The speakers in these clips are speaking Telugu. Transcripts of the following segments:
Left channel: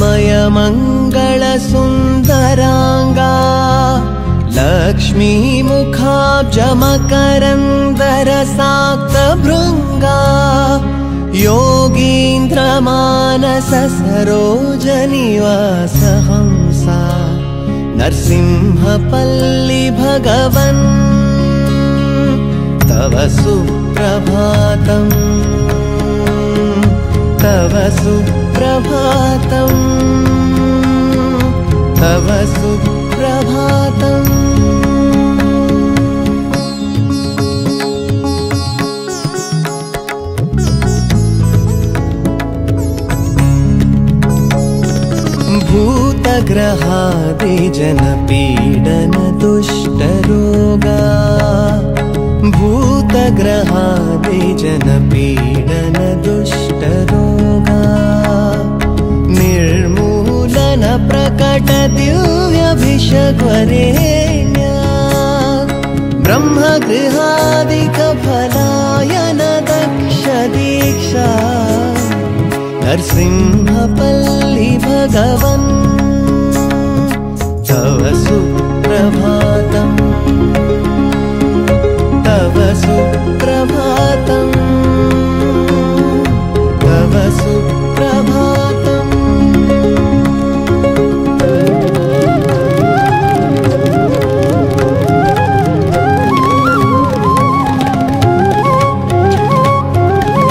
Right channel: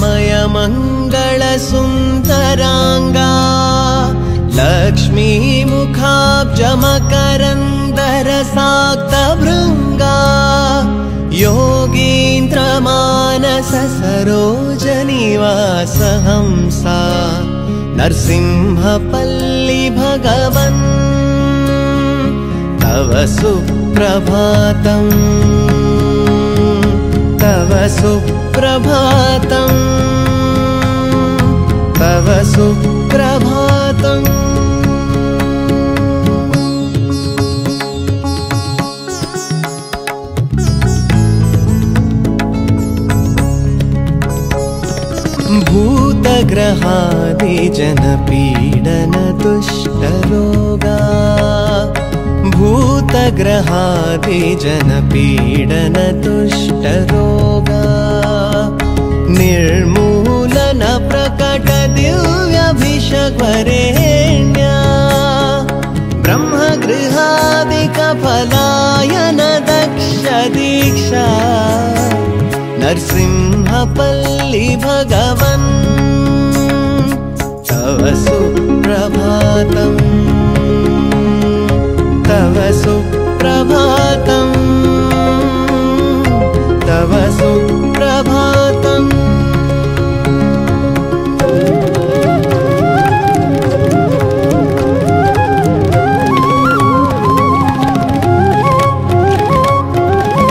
मंगलमय मंगल सुंदरांगा लक्ष्मी मुखाब्ज मकरंदर साक्त भृंगा योगींद्र मानस सरोजनिवास हंसा नरसिंहपल्ली भगवन् तव सुप्रभातम् तव सुप्रभातम् तव सुप्रभातम् भूतग्रहादि जनपीडन दुष्टरोगा भूतग्रहादि जनपीडन दुष्टरोगा निर्मूलन प्रकट दिव्याभिषेकवरेण्या ब्रह्मगृहादिक पलायन दक्ष दीक्षा नरसिंहपल्ली भगवन् तव सुप्रभातम् तव सुप्रभातम् तव सुप्रभातम्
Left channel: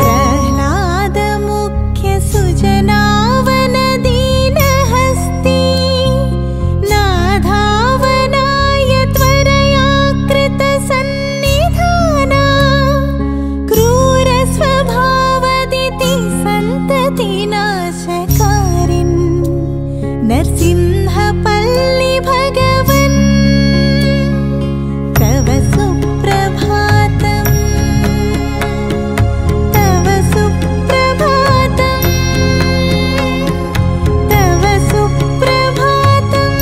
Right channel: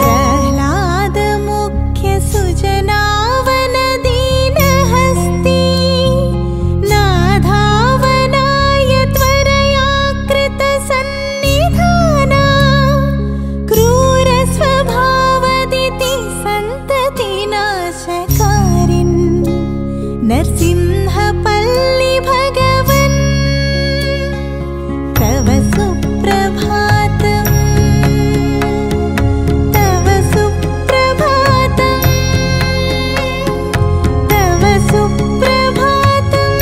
प्रह्लाद मुख्य सुजनावन दीन हस्ती नाधावनाय त्वरया कृत सन्निधाना क्रूर स्वभावदिति संतति नाशकारिन् नरसिंहपल्ली भगवन् तव सुप्रभातम् तव सुप्रभातम् तव सुप्रभातम्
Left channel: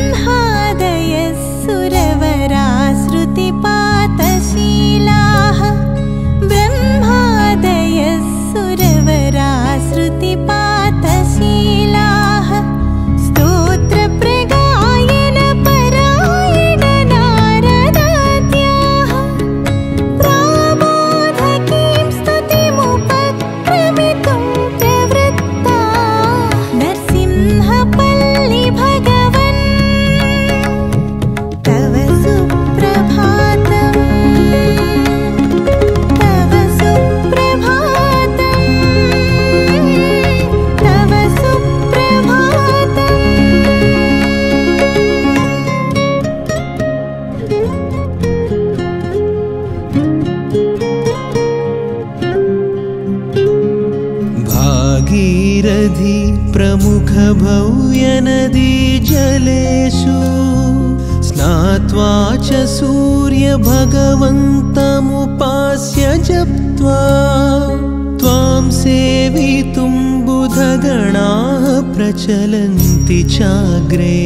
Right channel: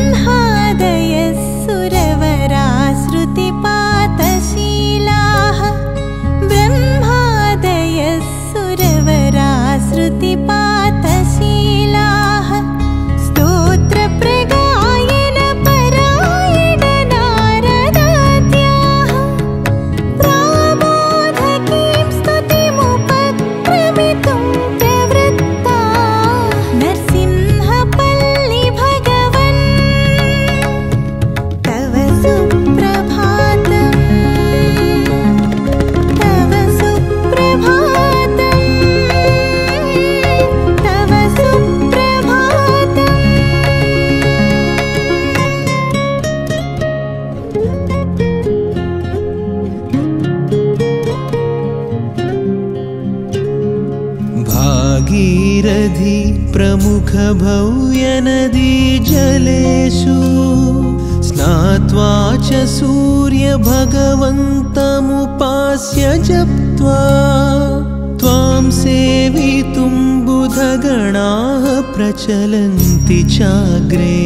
ब्रह्मादयः सुरवराः श्रुतिपातशीलाः ब्रह्मादयः सुरवराः श्रुतिपातशीलाः स्तोत्रप्रगायन परायण नारदाद्याः प्राबोधकीं स्तुतिमुपक्रमितुं प्रवृत्ताः नरसिंहपल्ली भगवन् तव सुप्रभातम् तव सुप्रभातम् तव सुप्रभातम् भागीरथी प्रमुख भव्य नदी जलेषु स्नात्वा च सूर्य भगवन्तमुपास्य जप्त्वा त्वां सेवितुं बुधगणाः प्रचलन्ति चाग्रे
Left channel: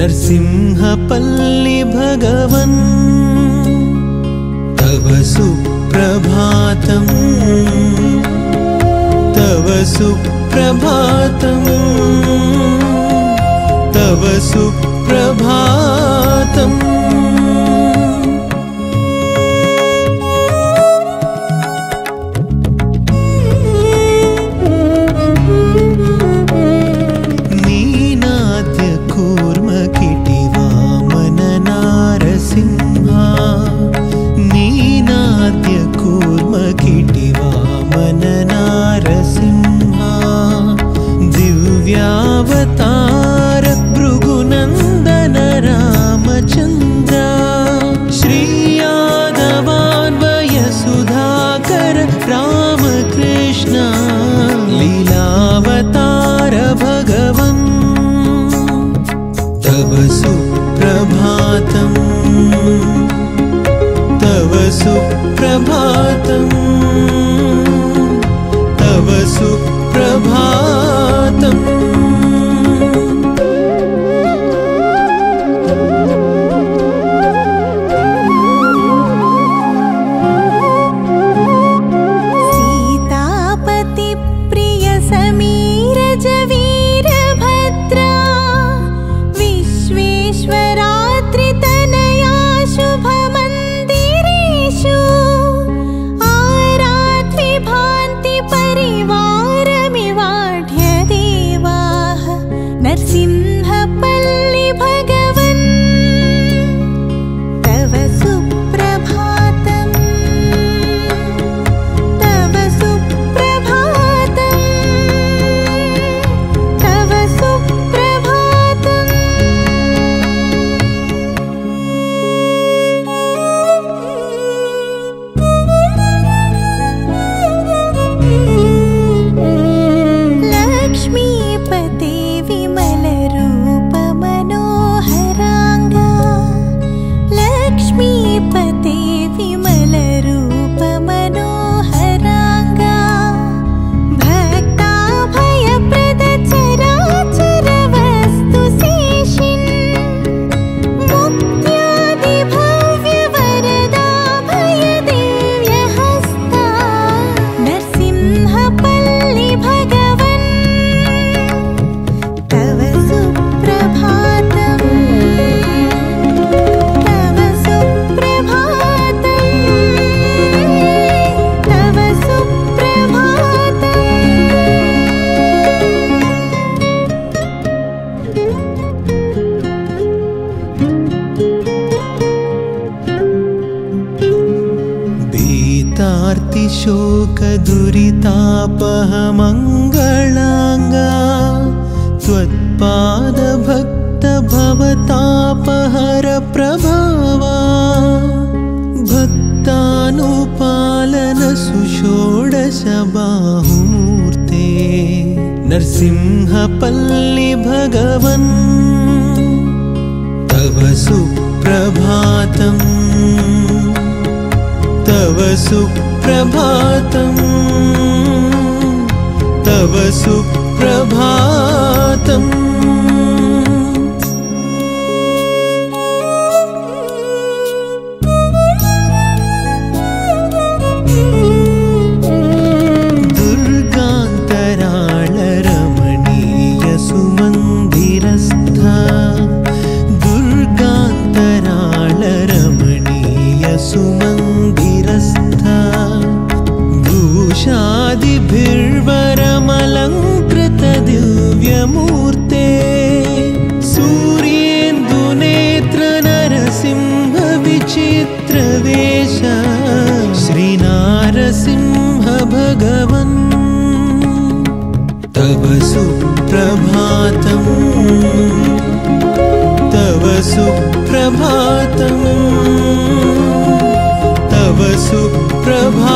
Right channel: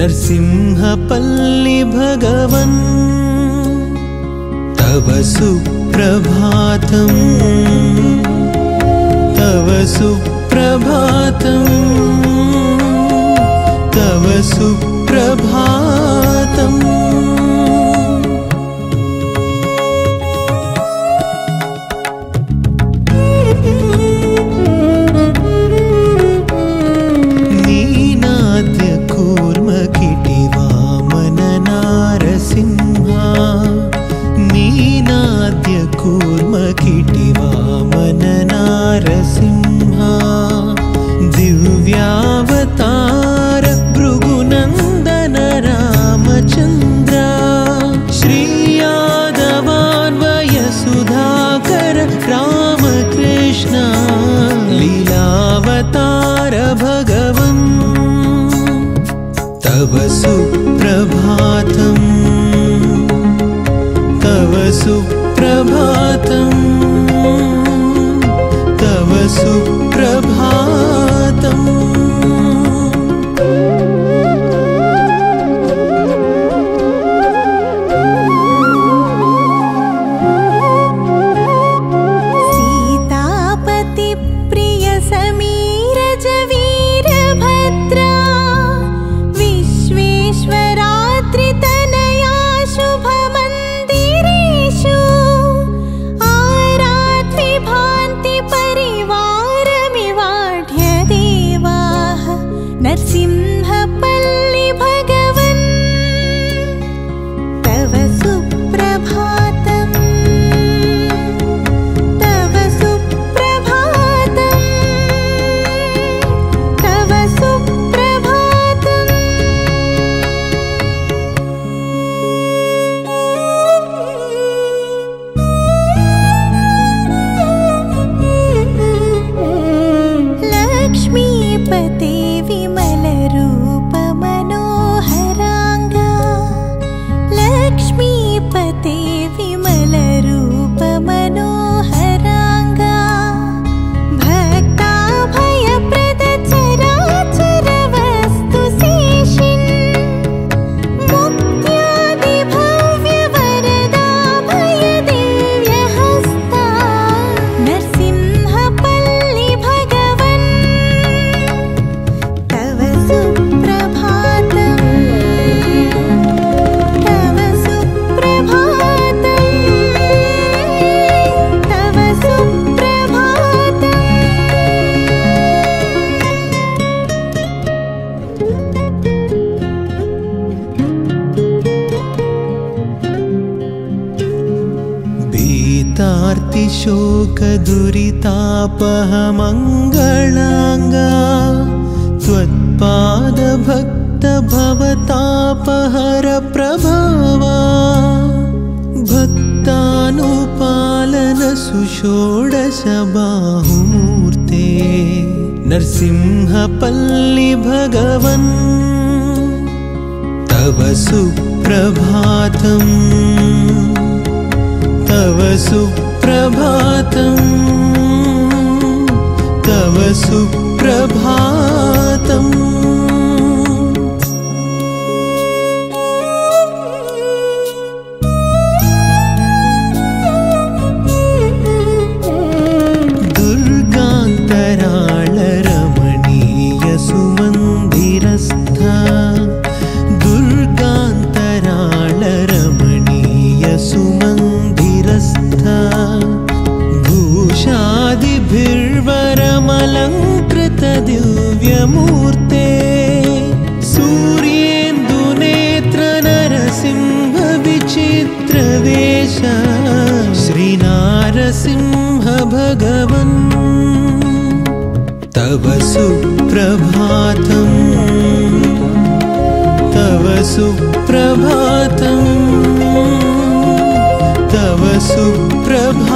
नरसिंहपल्ली भगवन् तव सुप्रभातम् तव सुप्रभातम् तव सुप्रभातम् नीनाद्य कूर्मकिटिवामन नारसिंहा नीनाद्य कूर्मकिटिवामन नारसिंहा दिव्यावतार भृगुनन्दन रामचन्द्र श्रीयादवान्वय सुधाकर रामकृष्ण लीलावतार भगवन् तव सुप्रभातम् तव सुप्रभातम् तव सुप्रभातम् भक्तार्तिशोकदुरितापहमङ्गलाङ्गा त्वत्पादभक्तभवतापहर प्रभावा भक्तानुपालन सुषोडशबाहुमूर्ते नरसिंहपल्ली भगवन् तव सुप्रभातम् तव सुप्रभातम् तव सुप्रभातम् दुर्गान्तराळरमणीय सुमन्दिरस्था दुर्गान्तराळरमणीय सुमन्दिरस्था भूषादिभिर्वरमलङ्कृत दिव्यमूर्ते सूर्येन्दुनेत्र नरसिंह विचित्रवेश श्रीनारसिंह भगवन् तव सुप्रभातम् तव सुप्रभातम् तव सुप्रभातम्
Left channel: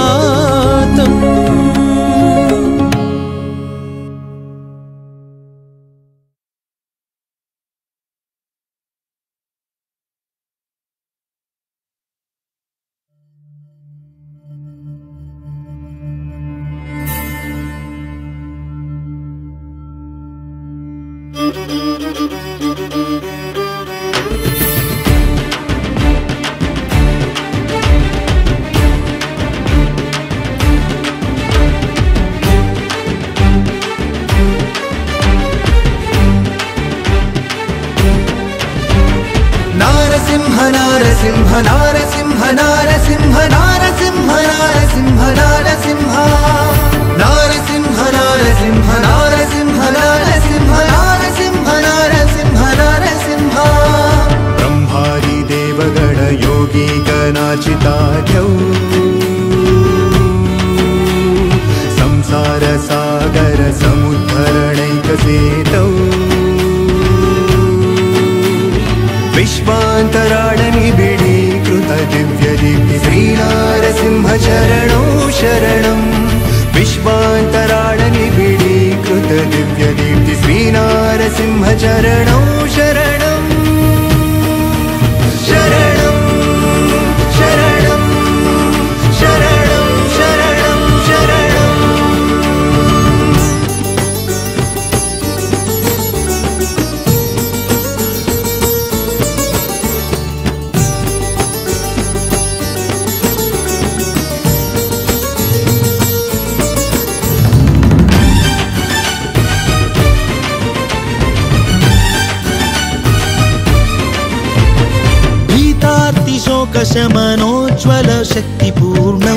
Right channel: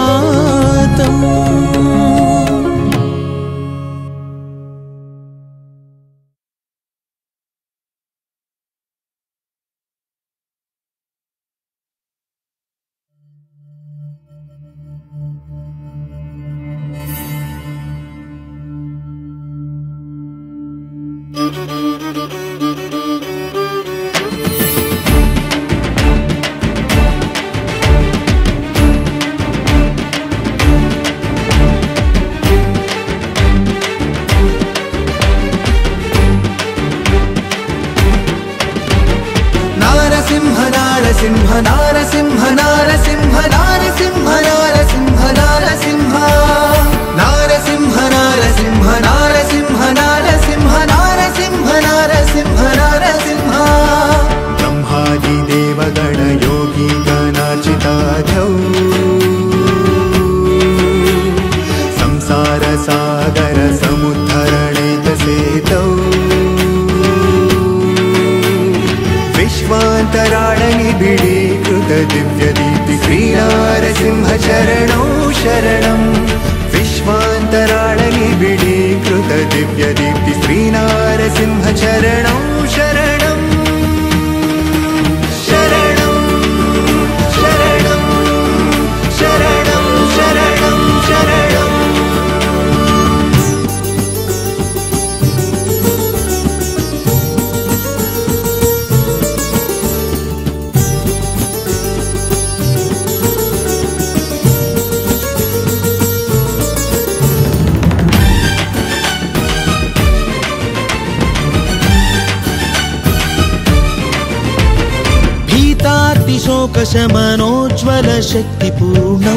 शोकशमनोज्ज्वल शक्तिपूर्णौ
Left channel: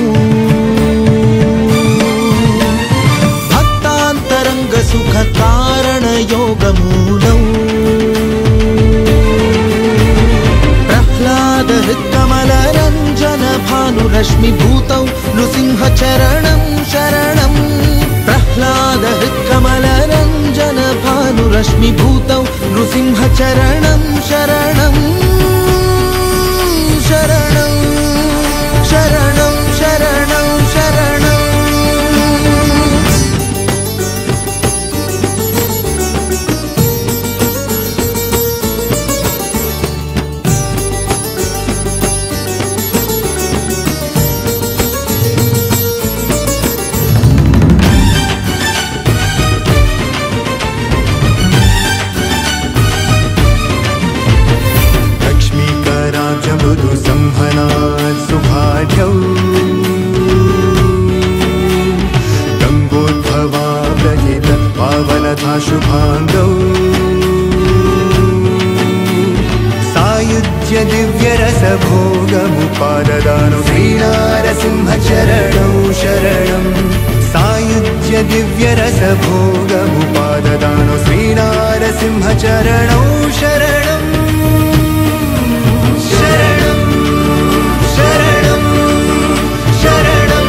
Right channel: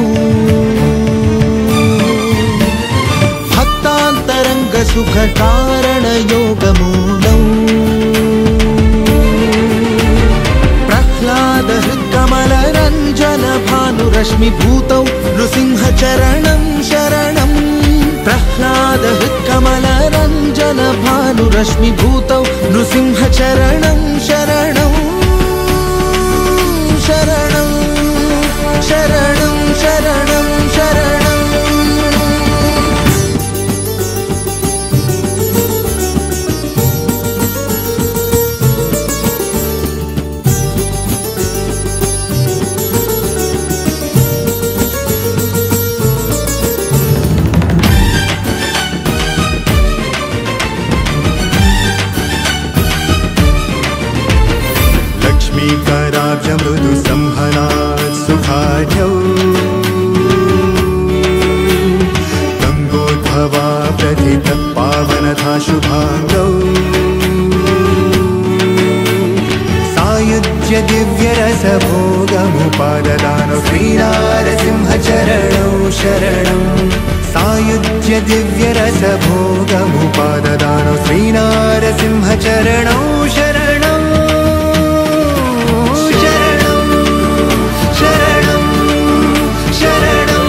भक्तान्तरङ्ग सुखधारण योगमूलौ प्रह्लाद हृत्कमलरञ्जन भानुरश्मिभूतौ नृसिंहचरणं शरणं प्रह्लाद हृत्कमलरञ्जन भानुरश्मिभूतौ नृसिंहचरणं शरणम् दिव्यरसभोगमुपाददानु श्रीनारसिंहचरणौ शरणं शरणं शरणं शरणं शरणं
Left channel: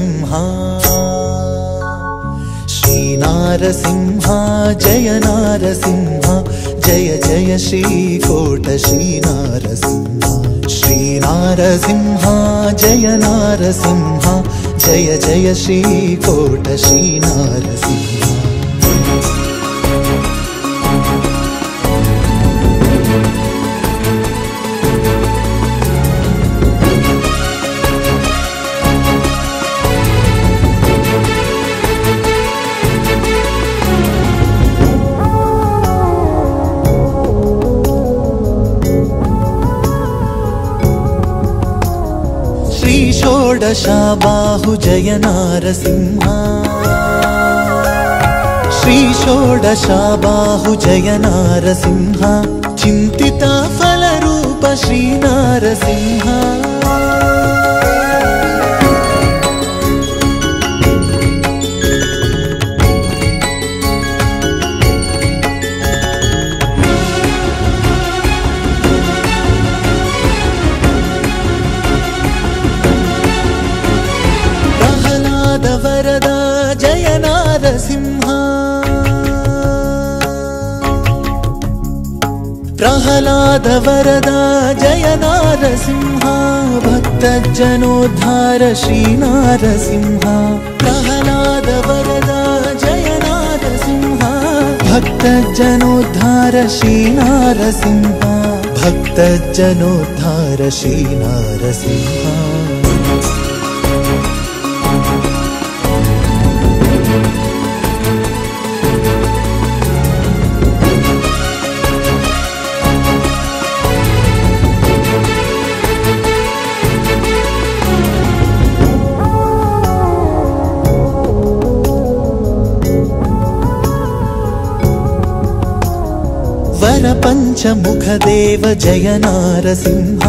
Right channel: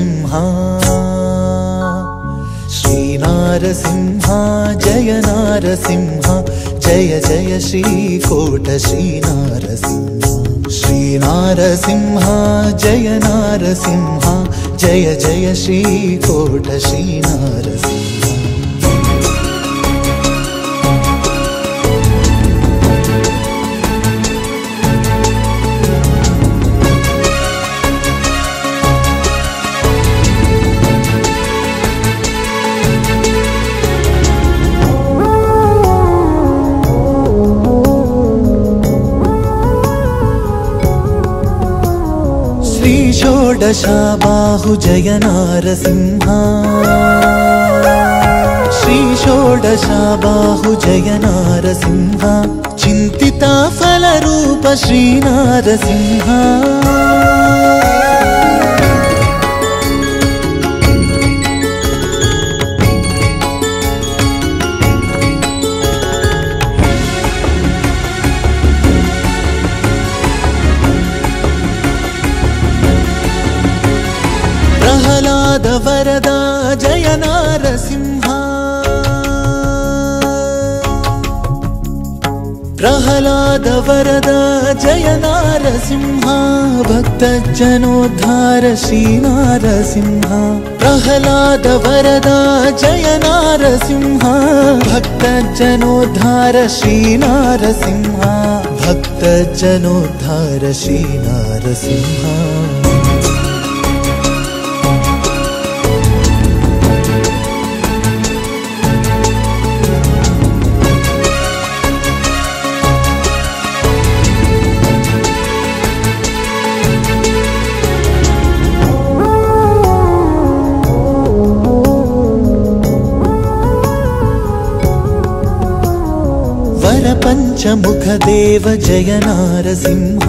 नारसिंह श्री नारसिंह जय नारसिंह जय जय श्रीकोट श्री नारसिंह श्री नारसिंह जय नारसिंह जय जय श्रीकोट श्री नारसिंह षोडशाबाहु जय नारसिंह श्री षोडशाबाहु जय नारसिंह चिंतिता फलरूप श्री नारसिंह प्रहलाद वरदा जय नारसिंह भक्त जनोद्धार श्री नारसिंह प्रहलाद वरदा जय नारसिंह भक्त जनोद्धार श्री नारसिंह भक्त जनोद्धार श्री नारसिंह पंचमुख देव जय नारसिंह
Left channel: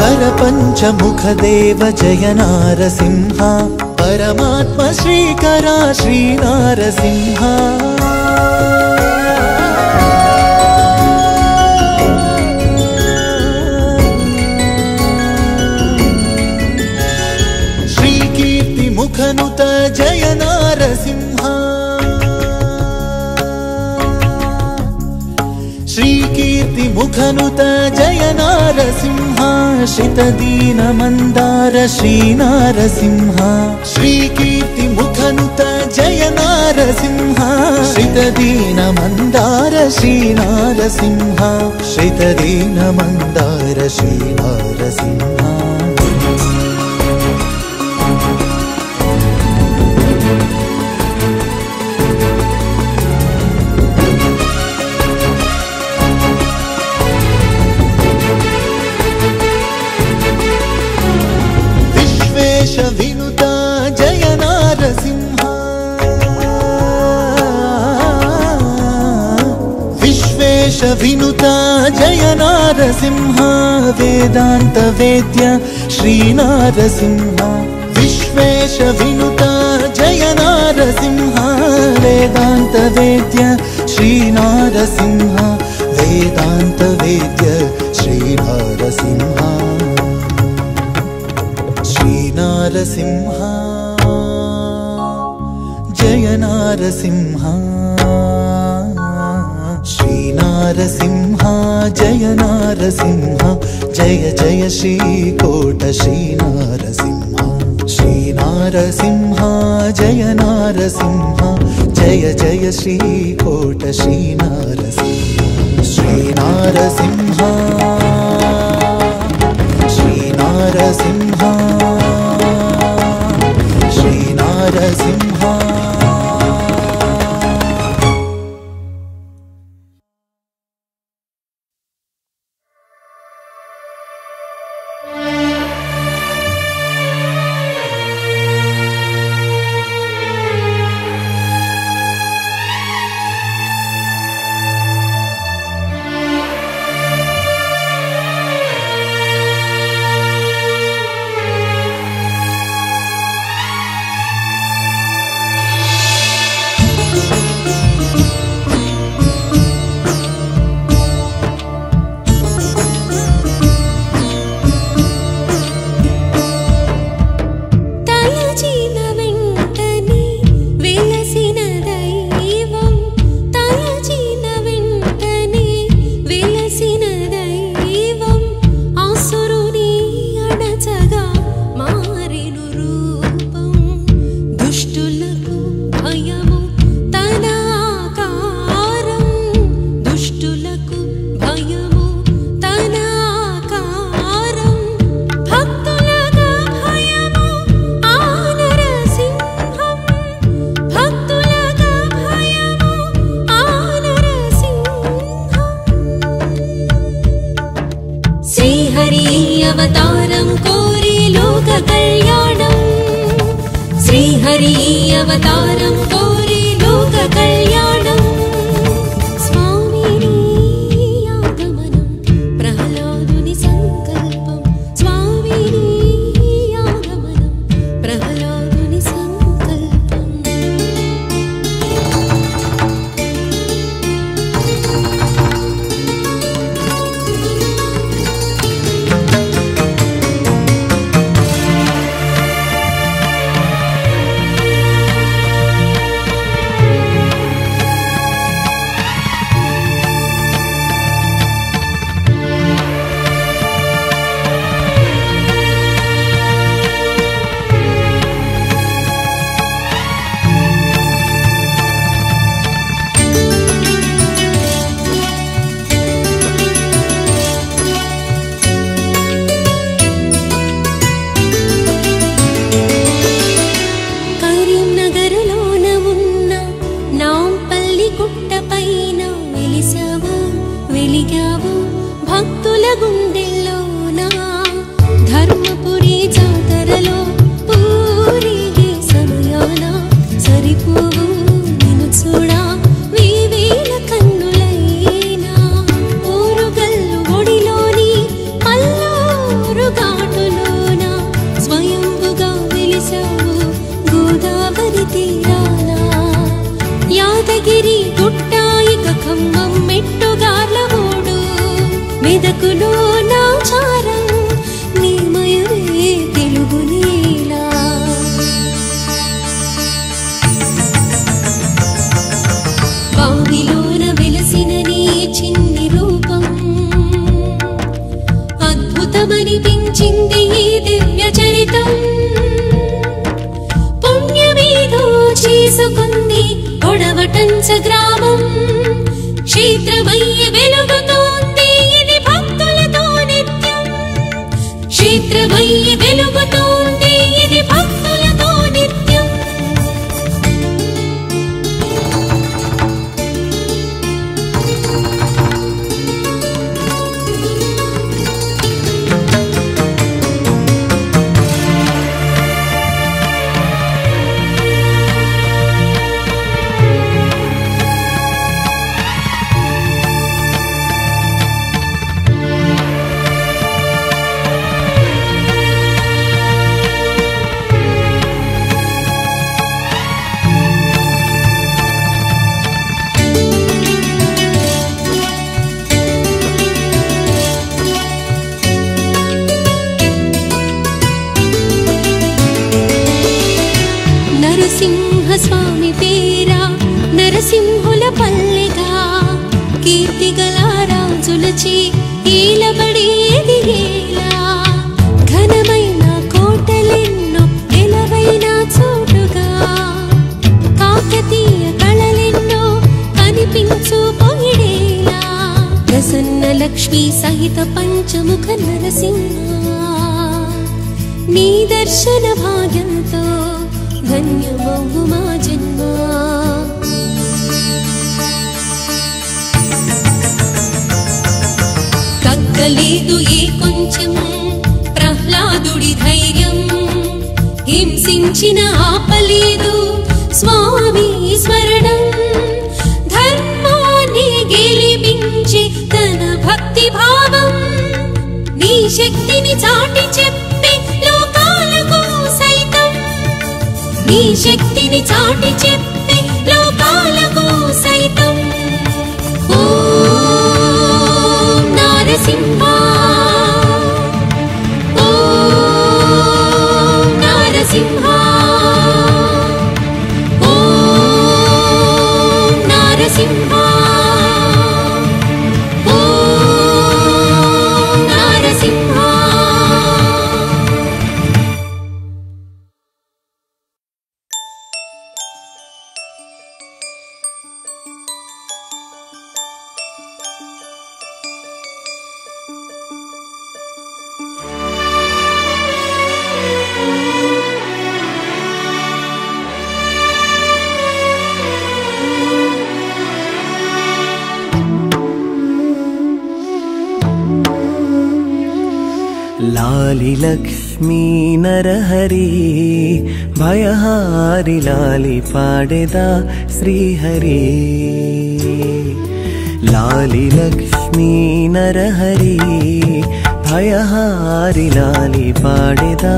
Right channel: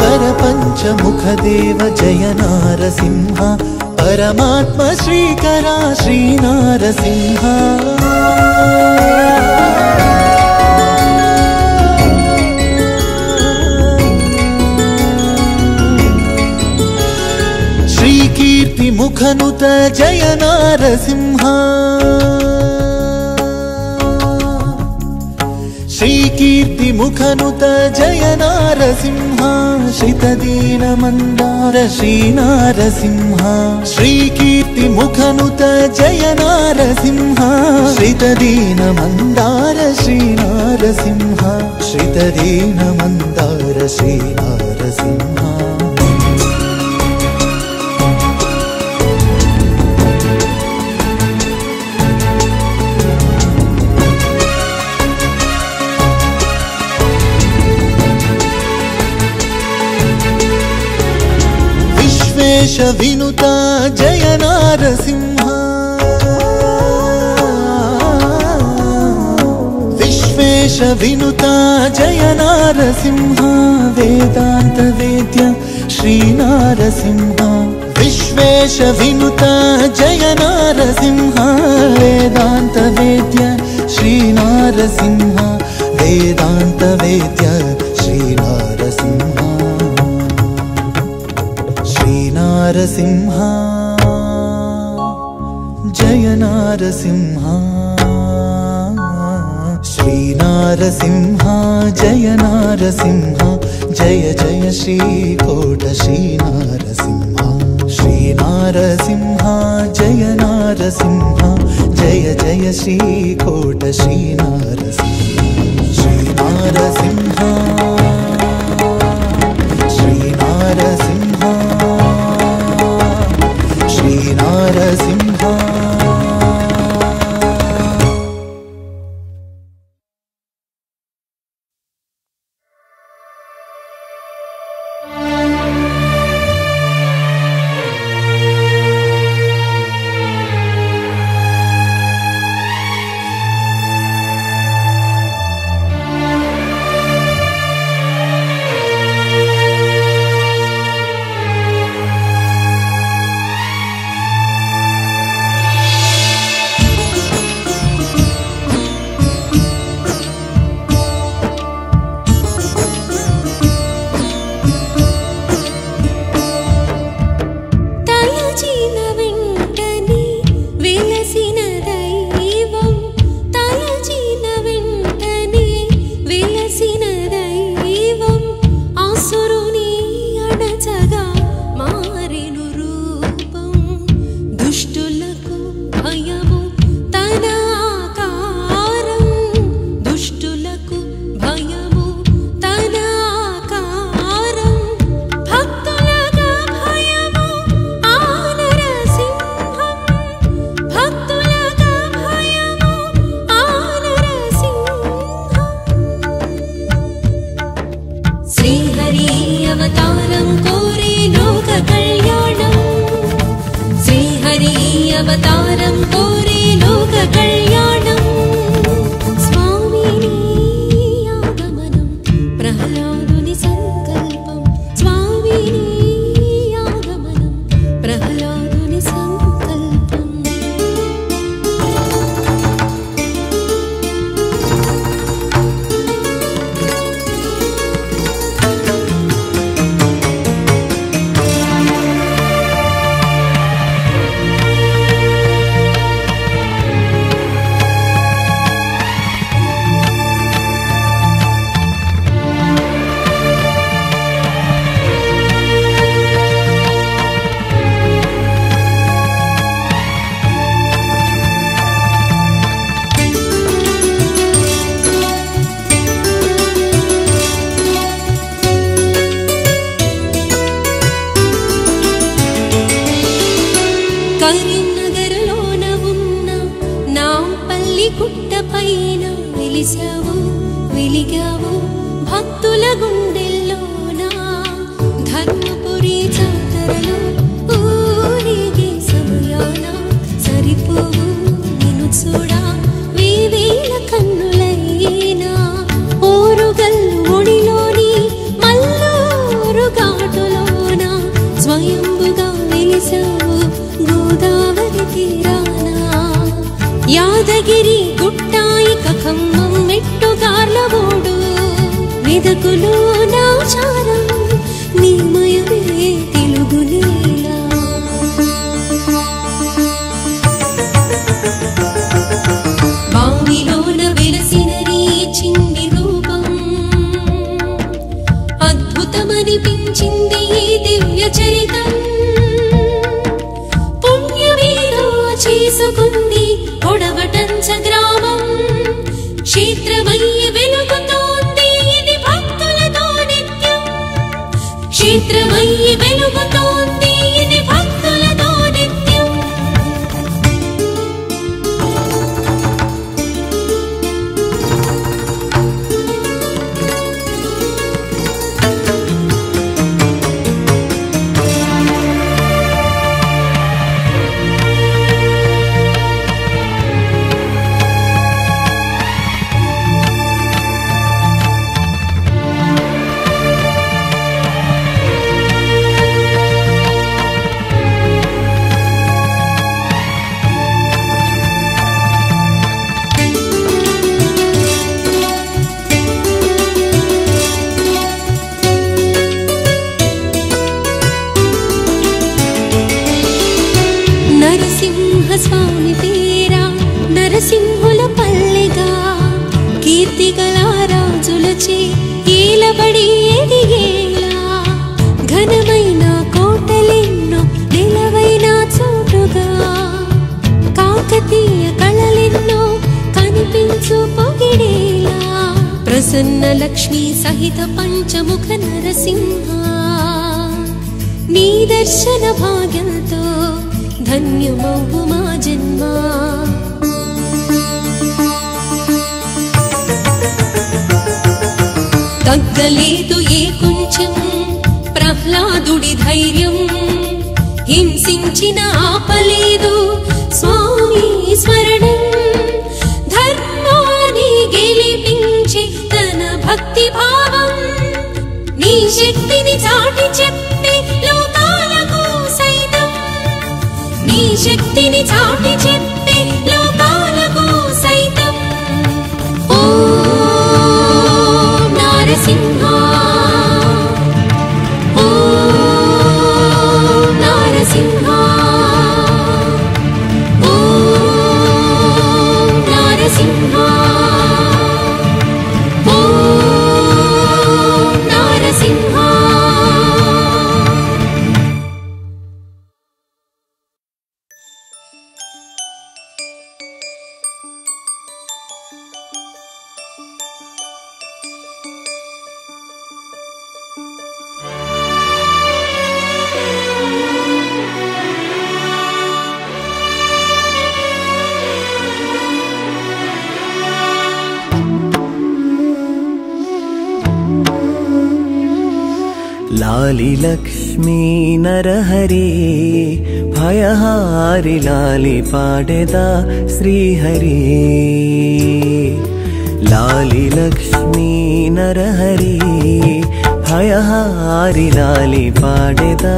वर पंचमुख देव जय नारसिंह परमात्मा श्रीकरा श्री नारसिंह श्री कीर्ति मुखनुत जय नारसिंह मुखनुत जय नारसिंह श्रीदीन मंदार श्री नारसिंह श्री कीर्ति मुखनुत जय नारसिंह श्रीदीन मंदार श्री नारसिंह श्रीदीन मंदार श्री नारसिंह विनुता जय नारसिंह विश्वेश विनुता जय नारसिंह वेदांत वेद्य श्री नारसिंह विश्वेश विनुता जय नारसिंह वेदांत वेद्य श्री नारसिंह वेदांत वेद्य श्री नारसिंह नारसिंह जय नारसिंह श्री नारसिंह जय नारसिंह जय जय श्रीकोट श्री नारसिंह श्री नारसिंह जय नारसिंह जय जय श्रीकोट श्री नारसिंह श्री नारसिंह श्री नारसिंह పుట్టపైన వెలిసావు వెలిగావు భక్తుల గుండెల్లోన ధర్మపురి జాతరలో ఊరిగే సమయాన సరిపోవు నిన్ను చూడా వేవేల కన్నులైనా ఓరుగల్లు ఒడిలోని మల్లూరు ఘాటులోన స్వయంభుగా వెలిసావు గోదావరి తీరాన యాదగిరి గుట్టాయిక ఖమ్మం మెట్టుగార్ల ఓడు మెదకులో దాశారం నీమయమే తెలుగు నీలా బావిలోన విలసిన నీ చిన్ని రూపం అద్భుతమనిపించింది ఈ దివ్య చరితం పుణ్యమేదో చేసుకుంది ఒడవటంచ గ్రామం క్షేత్రమయ్యి వెలుగుతోంది ఇది భక్తులతో నిత్యం క్షేత్రమయ్యి వెలుగుతోంది ఇది భక్తులతో నిత్యం నరసింహస్వామి పేరా నరసింహుల పల్లిగా కీర్తిగల రాజులచే ఏలబడి ఎదిగేగా ఘనమైన కోటలెన్నో నిలవైన చోటుగా కాకతీయ కళలెన్నో కనిపించు పొగిడేలా ప్రసన్న లక్ష్మీ సహిత పంచముఖ నరసింహ నీ దర్శన భాగ్యంతో ధన్యమవు మా జన్మ తగ్గలేదు ఏ కొంచెం ప్రహ్లాదుడి ధైర్యం హింసించిన ఆపలేదు స్వామి స్మరణం ధర్మాన్ని గెలిపించి తన భక్తి భావం నీ శక్తిని చాటి చెప్పి లోకాలకు సైతం నీ శక్తిని చాటి చెప్పి లోకాలకు సైతం ఓం నరసింహ ఓం నరసింహ ఓం నరసింహ ఓం నరసింహ लाली लक्ष्मी नरहरि भयहारि लाली पाडेदा श्रीहरि लाली लक्ष्मी नरहरि भयहारि लाली पाडेदा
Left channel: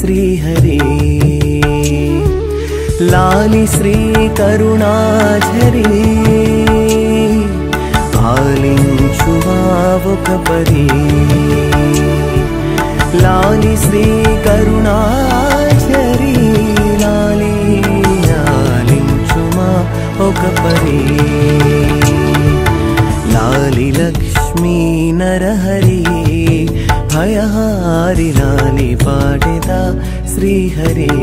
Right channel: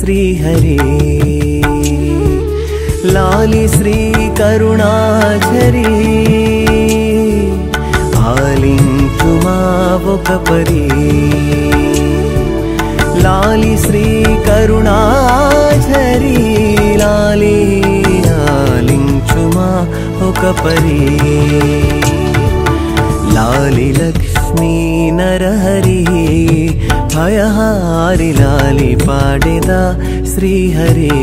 श्रीहरि लाली श्री करुणाझरी आलिंचुमा वोकपरी लाली श्री करुणाझरी लाली लालिंचुमा वोकपरी लाली लक्ष्मी नरहरि भयहारि लाली पाडेदा श्रीहरि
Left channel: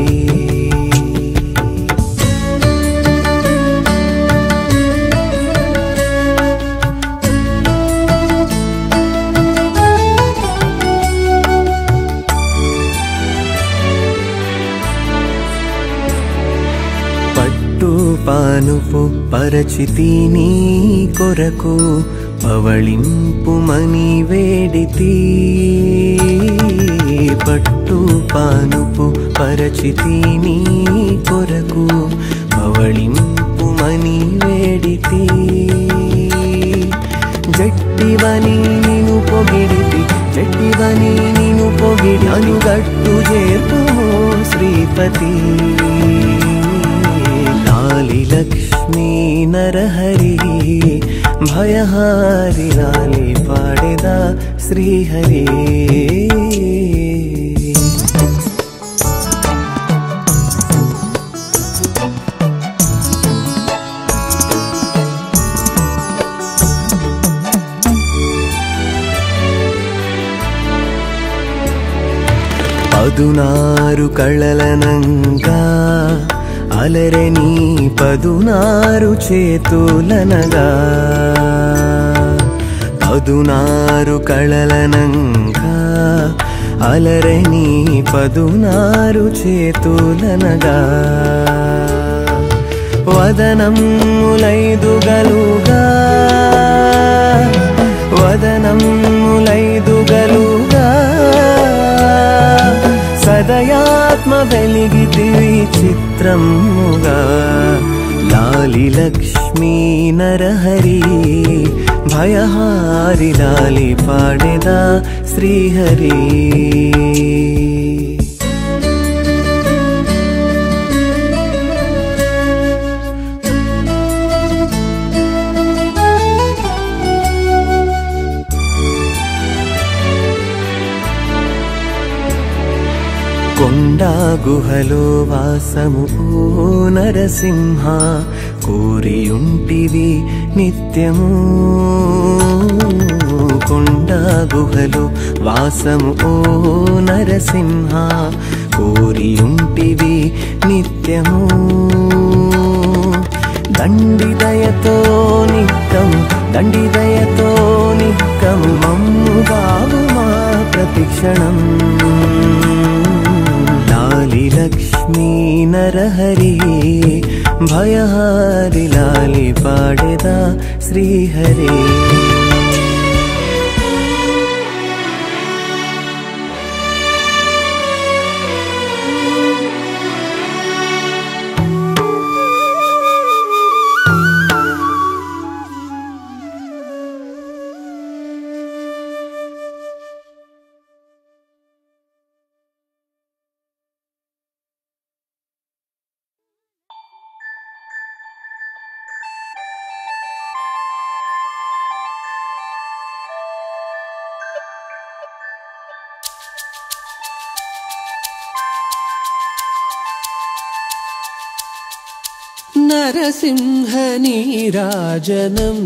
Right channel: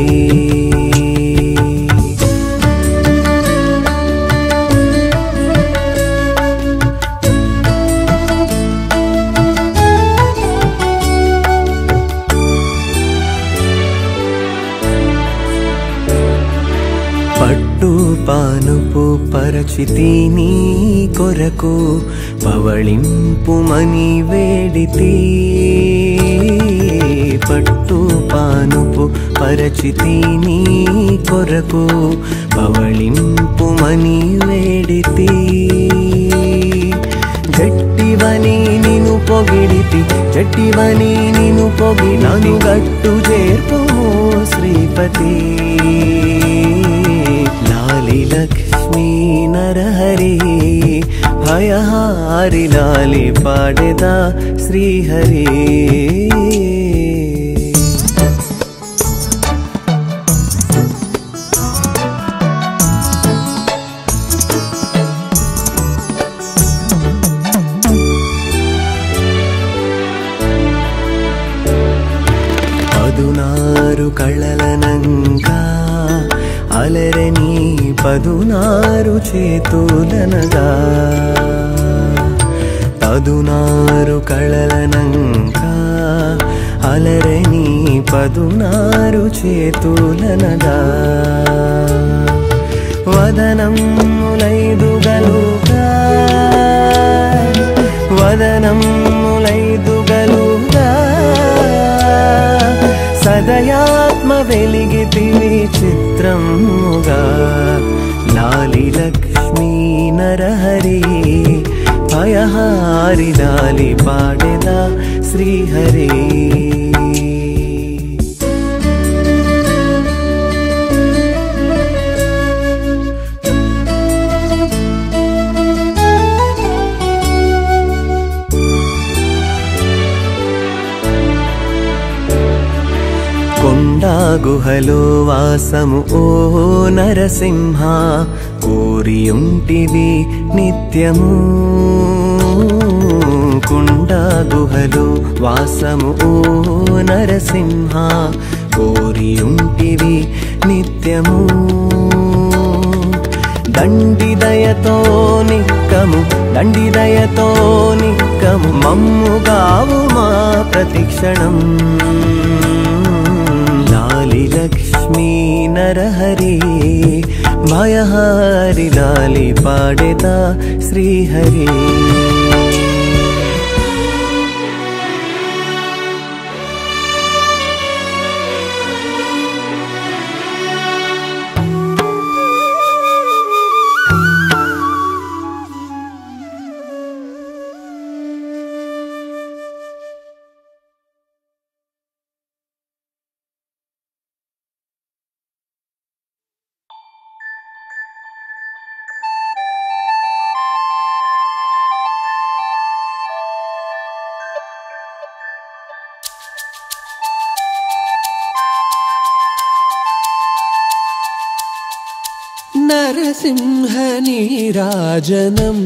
పరచితి నీ కొరకు పవళింపుమని వేడితి పట్టు పానుపు పరచితి నీ కొరకు పవళింపుమని వేడితి గట్టివని నిను పొగిడితి గట్టివని నిను పొగిడినాను గట్టు చేర్పు శ్రీపతి లాలి లక్ష్మీ నరహరి భయహారి లాలి పాడెదా శ్రీహరి పదునారు కళలనంగా అలరే నీ పదునారు చేతులనగా పదునారు కళలనంగా అలరే నీ పదునారు చేతులనగా వదనములైదుగలుగా వదనములైదుగలుగా సదయాత్మ వెలిగితి చిత్రముగా లాలి లక్ష్మీ నరహరి భయహారి లాలి పాడెదా శ్రీహరి గుహలో వాసము ఓ నరసింహ కోరియుంటివి నిత్యము కొండ గుహలో వాసము ఓ నరసింహ కోరియుంటివి నిత్యము దండిదయతో నిక్కము దండిదయతో నిక్కము మమ్ముగావు మా ప్రతిక్షణం లక్ష్మీ నరహరి భయహారి లాలి పాడెదా శ్రీహరి నరసింహ నీరాజనం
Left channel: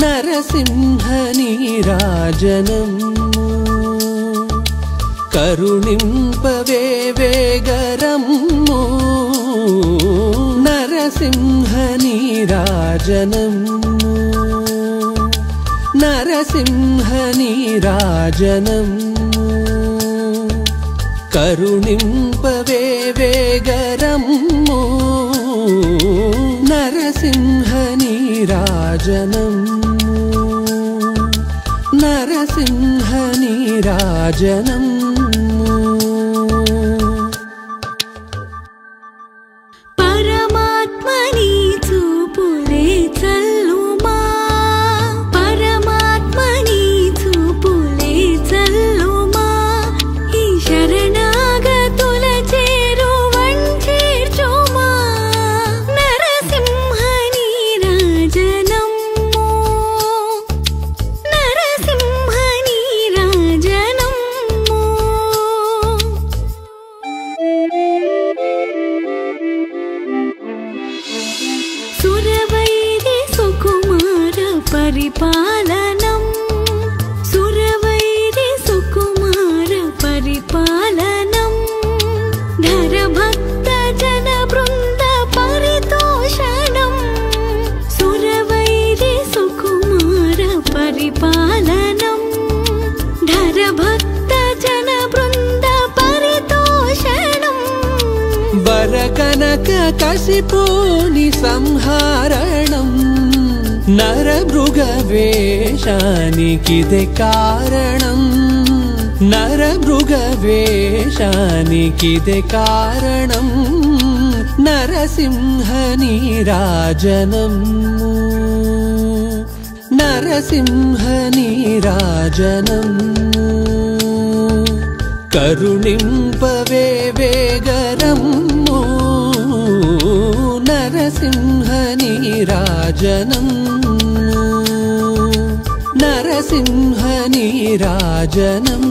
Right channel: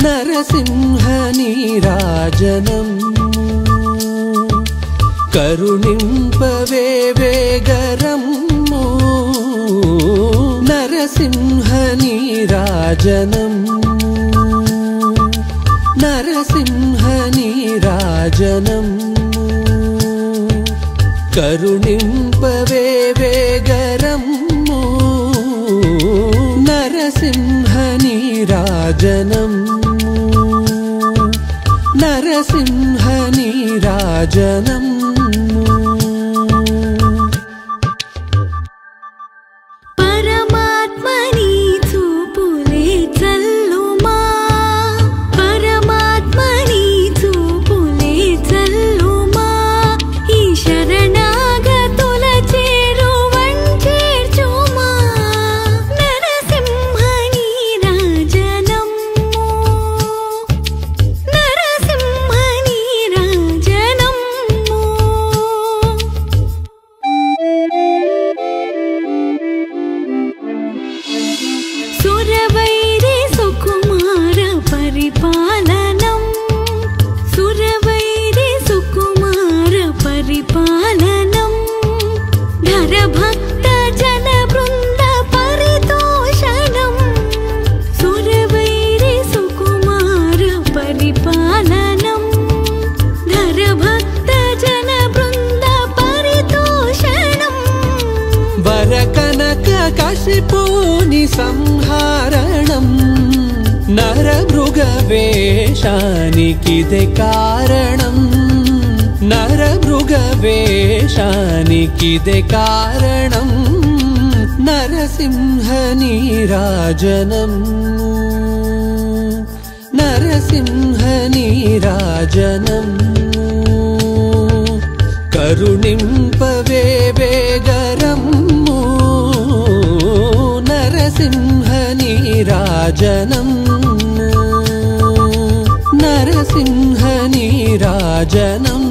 నరసింహ నీరాజనం కరుణింపవే వేగరము నరసింహ నీరాజనం నరసింహ నీరాజనం కరుణింపవే వేగరము నరసింహ నీరాజనం నరసింహ నీరాజనం వేషానికిదే కారణం, నరమృగవేషానికిదే కారణం, నరసింహ నీరాజనం, నరసింహ నీరాజనం. కరుణింపవే వేగరమ్ము నరసింహ నీరాజనం, నరసింహ నీరాజనం.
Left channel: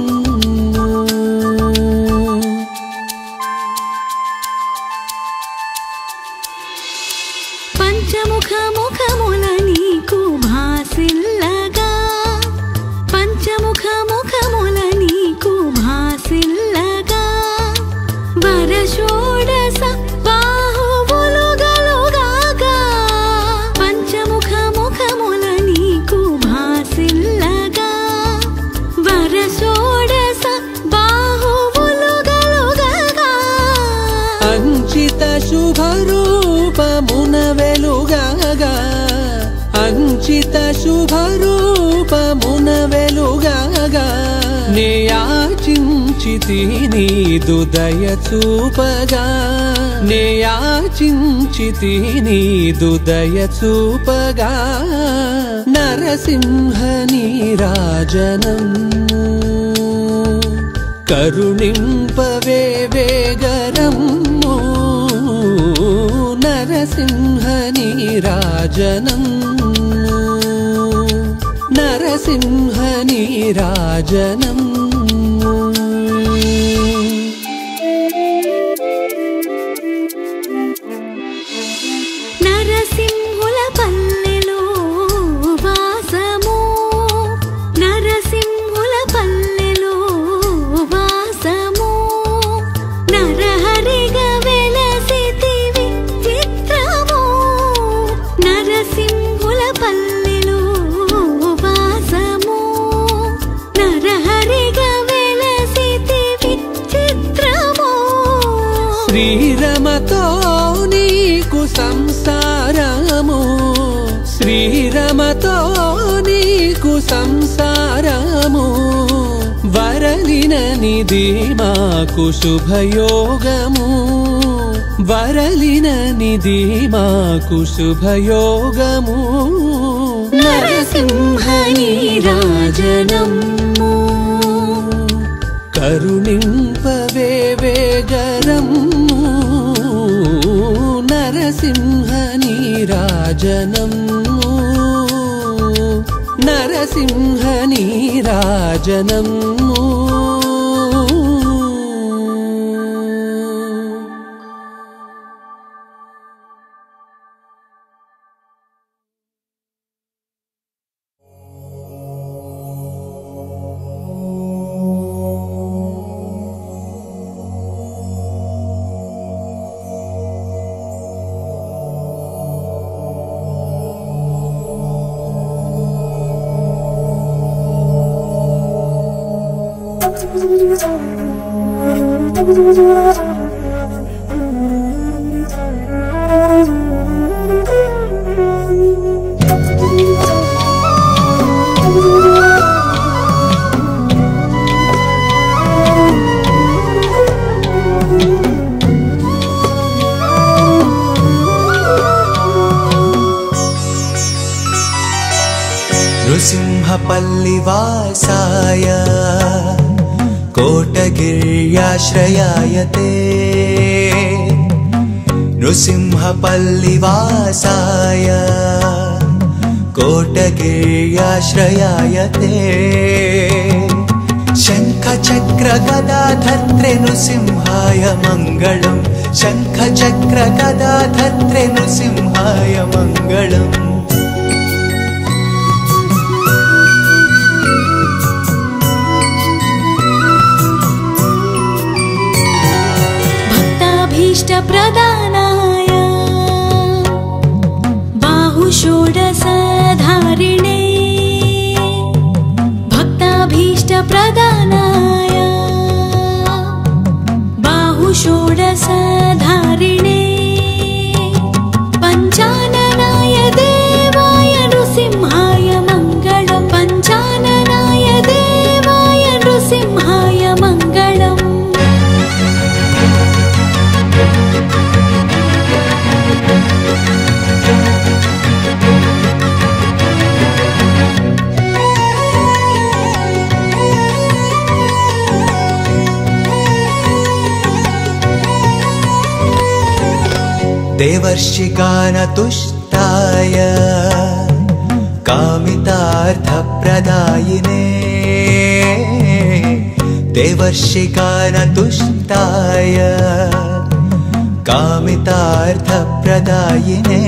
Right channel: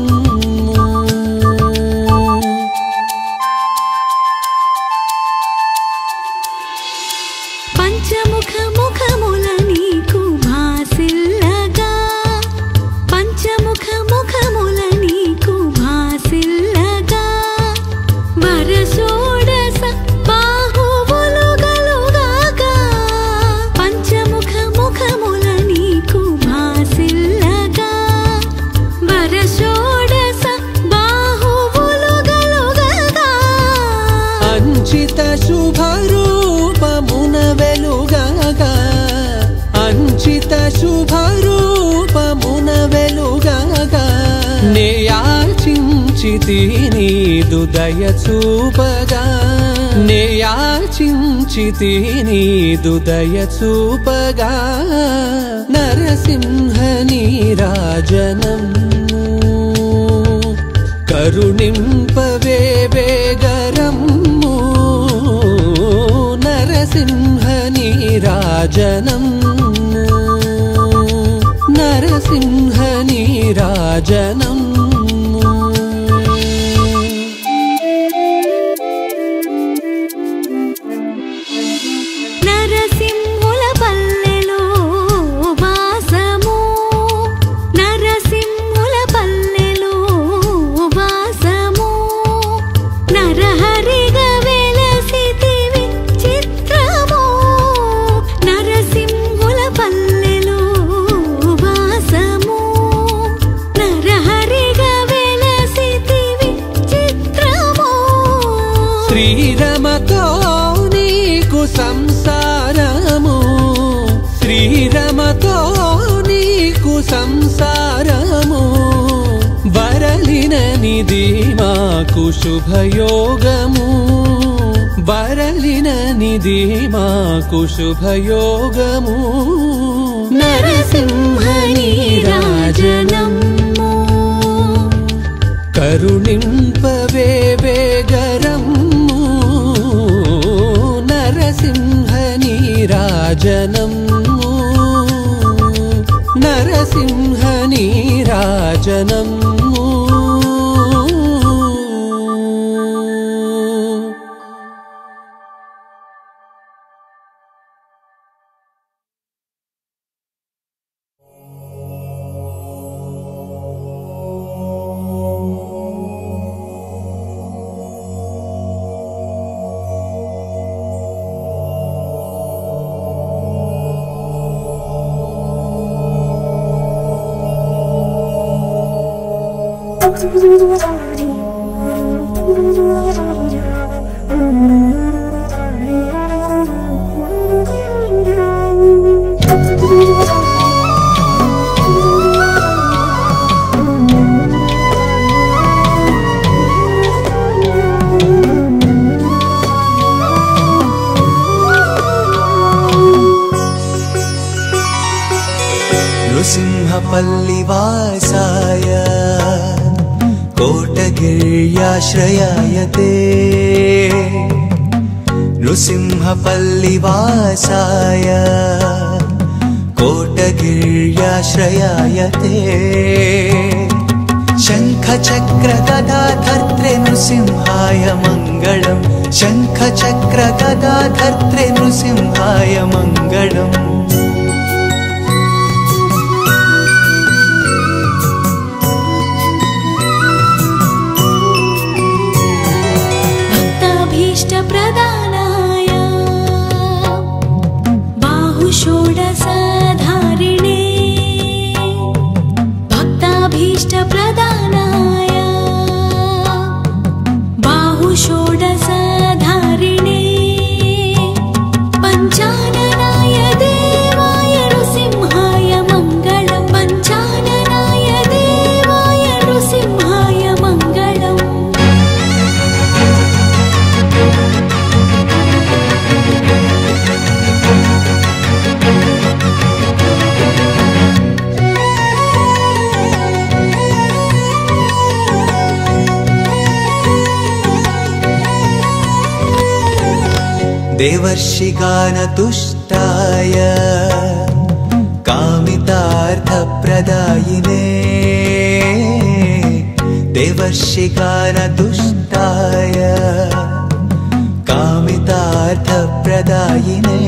పంచముఖ ముఖముల నీకు భాసిల్లగా, పంచముఖ ముఖముల నీకు భాసిల్లగా, వరషోడశ బాహువులుగలుగాగా, పంచముఖ ముఖముల నీకు భాసిల్లగా, వరషోడశ బాహువులుగలుగాగా, అంచిత శుభరూపమున వెలుగగా, అంచిత శుభరూపమున వెలుగగా, నేయాచించితి నీదు దయ చూపగా, నేయాచించితి నీదు దయ చూపగా, నరసింహ నీరాజనం. కరుణింపవే వేగరమ్ము నరసింహ నీరాజనం, నరసింహ నీరాజనం. నరసింహుల పల్లెలో వాసము, నరసింహుల పల్లెలో వాసము, నరహరిగా వెలసితివి చిత్రము, నరసింహుల పల్లెలో వాసము, నరహరిగా వెలసితివి చిత్రము. శ్రీరమతో నీకు సంసారము, శ్రీరమతో నీకు సంసారము, వరలిన నిధి మాకు శుభయోగము, వరలిన నిధి మాకు శుభయోగము, నరసింహ నీరాజనం. కరుణింపవే వేగరమ్ము నరసింహ నీరాజనం, నరసింహ నీరాజనం. नृसिंहपल्लिवासाय कोटगिर्याश्रयाय ते, नृसिंहपल्लिवासाय कोटगिर्याश्रयाय ते, शङ्खचक्रगदाधर्त्रे नृसिंहाय मङ्गलम्, शङ्खचक्रगदाधर्त्रे नृसिंहाय मङ्गलम्. भक्ताभीष्टप्रदानाय बाहुषोडशधारिणे, भक्ताभीष्टप्रदानाय बाहुषोडशधारिणे, पञ्चाननाय देवाय नृसिंहाय मङ्गलम्, पञ्चा देवर्षिगानतुष्टाय कामितार्थप्रदायिने देवर्षिगानतुष्टाय कामितार्थप्रदायिने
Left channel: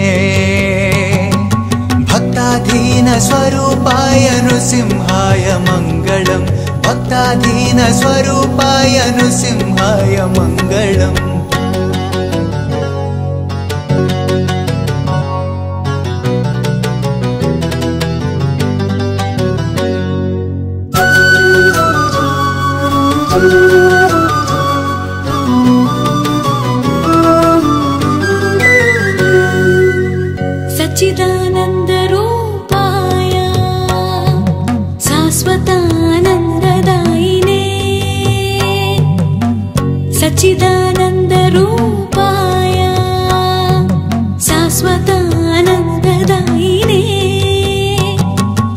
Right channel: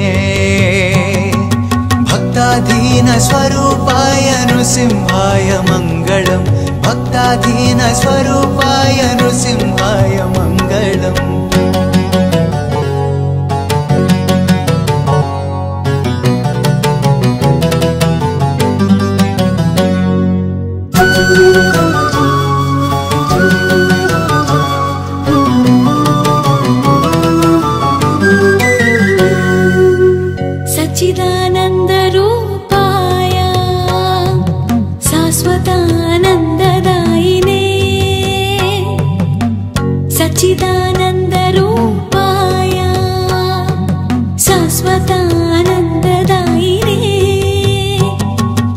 भक्ताधीनस्वरूपाय नृसिंहाय मङ्गलम् भक्ताधीनस्वरूपाय नृसिंहाय मङ्गलम् सच्चिदानन्दरूपाय शाश्वतानन्ददायिने सच्चिदानन्दरूपाय शाश्वतानन्ददायिने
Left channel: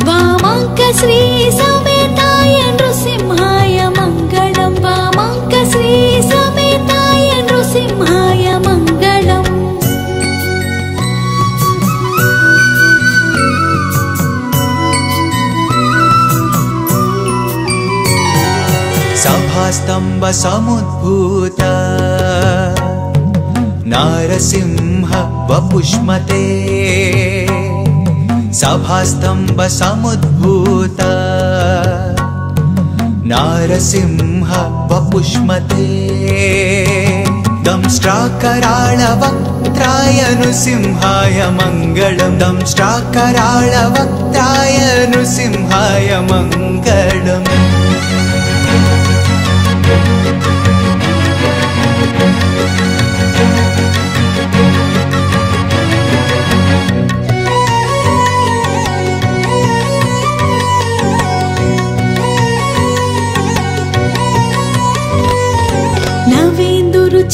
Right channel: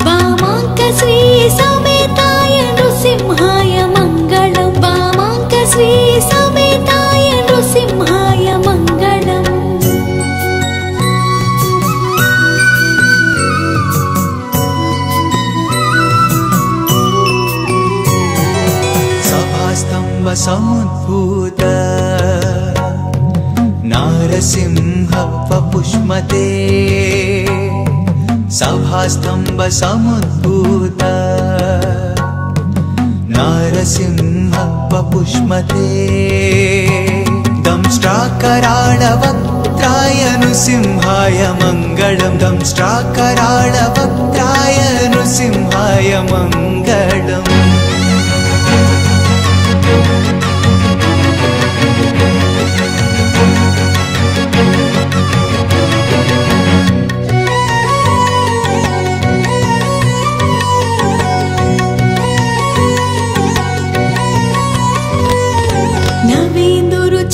वामाङ्कश्री समेताय नृसिंहाय मङ्गलम् वामाङ्कश्री समेताय नृसिंहाय मङ्गलम् समुद्भूत नारसिंह वपुष्मते सभास्तंभ समुद्भूत नारसिंह वपुष्मते दंष्ट्राकराळवक्त्राय नृसिंहाय मङ्गलम् दंष्ट्राकराळवक्त्राय नृसिंहाय मङ्गलम्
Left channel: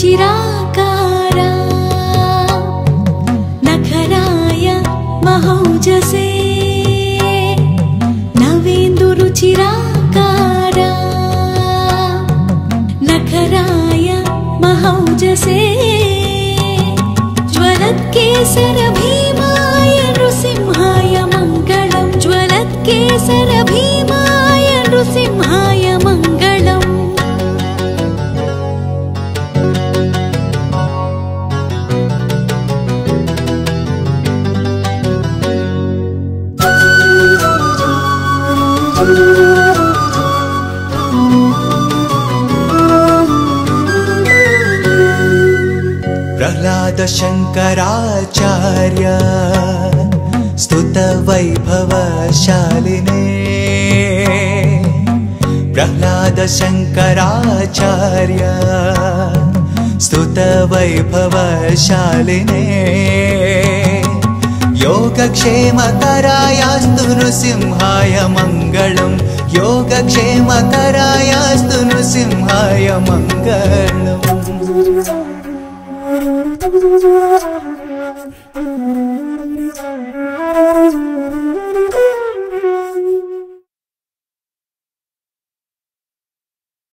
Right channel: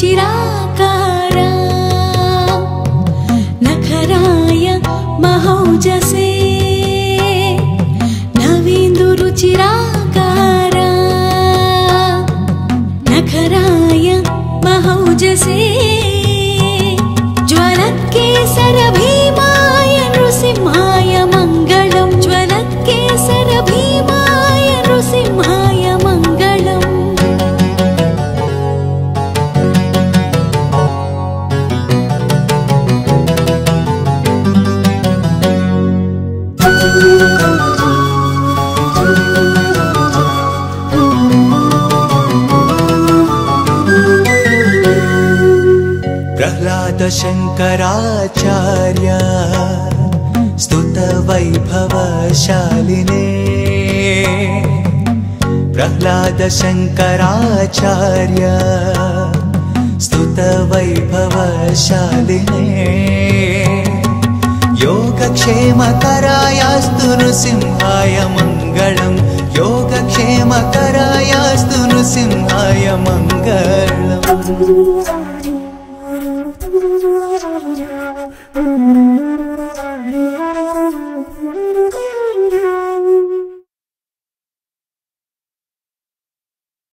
चिराकारा नखराय महौजसे नवेन्दुरुचिराकारा नखराय महौजसे ज्वलत्केसर भीमाय नृसिंहाय मङ्गलम् ज्वलत्केसर भीमाय नृसिंहाय मङ्गलम् शङ्कराचार्य स्तुतवैभवशालिने प्रह्लाद शङ्कराचार्य स्तुतवैभवशालिने योगक्षेमकरायास्तु नृसिंहाय मङ्गलम् योगक्षेमकरायास्तु नृसिंहाय मङ्गलम्